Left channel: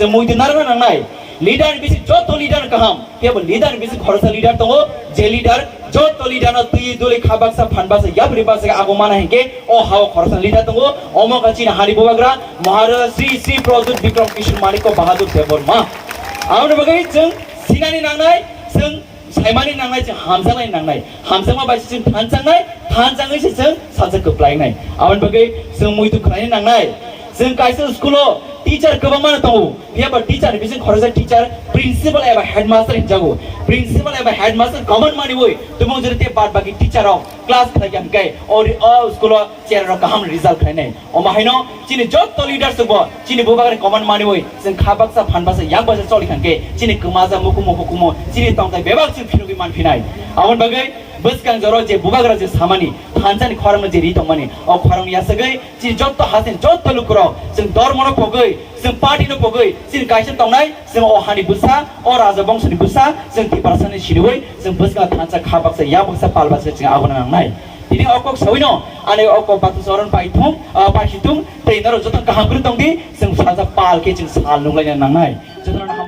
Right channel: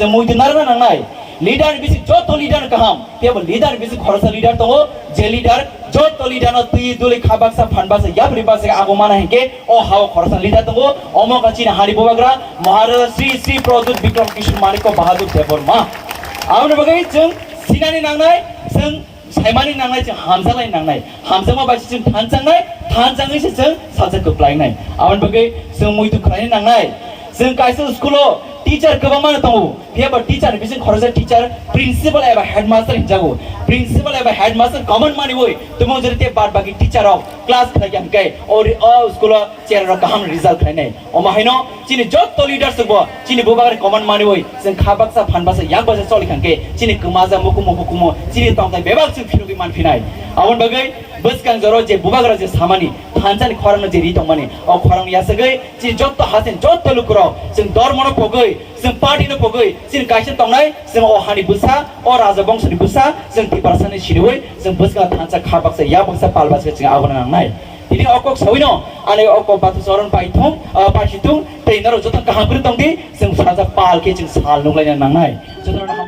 जों मुइदो नारबा नांनाय लीडर बिसि जत लीडर कहम केवल लीडर बिसि खरसा लीडर तंगो जे लीडर जत लीडर न तुई दुले खाबाक्सा फानबासा याबरि बासे आगोमाना हेके ओ हाव खरसा लीडर तंगो ओमा कचिन हानि बोबाग्रा महाराज श्री श्री प्रोजेक्ट विक्रम किशोर मालिक बहादुर देबरमा आउन बगै जों सिनानि नांनाय जों साइमानि नांनाय जों हामजानाय नांनाय हामजामा बायसि जों थानजाङैसो जों साजा गोप्लायनाय आउन बगै जों मुइदो खालायनो नांनाय जों काइसे स्कुलाव टीचर गोबां माने दङ बेबो टीचर बिजों खरसा टीचर प्रिन्सिपल एबा हेडमास्टर हिजागो प्रिन्सिपल एबा हेडमास्टर गभर्न माने वय तुम जरते बाद बाकी टीचर आव क्लास खायन गय और स्कुल चेयर र गाहाम रिजल्ट खायनाय अमाहायनो चिनि जत लीडर सब चिनि बोबागरे कमन माने वय जों खाबाक्सा फानबासा याक बासा चलि खानके चिनि कमाजा मुकुमो चिनि तंथाय बेबाग जों फिरुगि मानफिनाय आवन बगै बसकां जरो जे बुबाग्रा जे सामानि थानसानि खरंग जे रितं माने अ खरंग यासगै चि जत हासेन जत लुक्रो जों धर्मनो पगै जों पार्टीनो पगै जों गायसन तंनाय जों अ हानि बुसा अ राजा वंशनि बुसा जों तिबारसानि सिरिवै जों बसका थानसा खाबाक्सा या बक्सा पालबासा जों आवन नांनाय दिनै अकक सवैनो आने अकक बाथु सरन पाइथुं पाइथुं ट्रेनर जतन काहापुर तंदि जों सानजा पालके जों साल नुलायनो नांनाय